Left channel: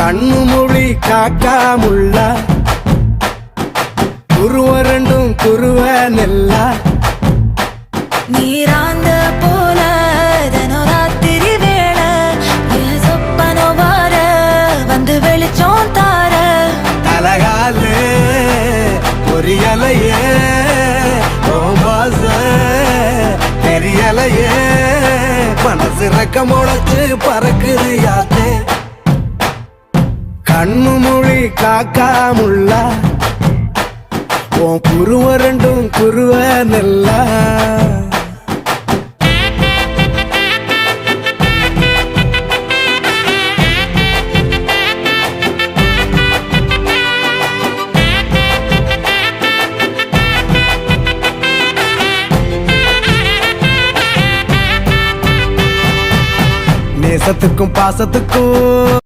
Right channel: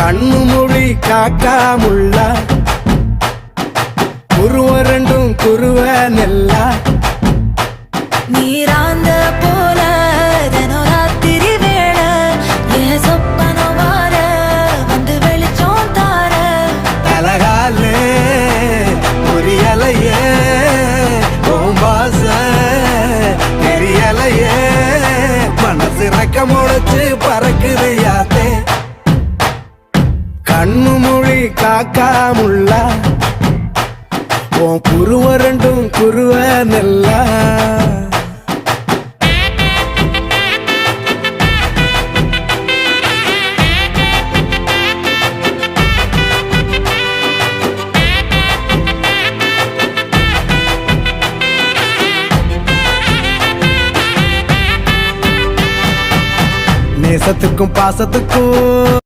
கண்ணு மொழி காக்காமுள்ள குருவ ரெண்டும் குருவ நெல்லா நீராங்க போல தினராத்திரி வேண என் சொப்பனம் மாற வந்து வெளிச்சம் தார தலகாலே பொரியலையே ஓம்பாச பெரியலையே மனசு ரக்க முளைச்சு பறக்குது யாத்தே கண்ணு மொழி காக்காமுள்ள உன் குருவ ரெண்டும் குருவ நெல்லா நேசத்துக்கும் பாசத்துக்கும்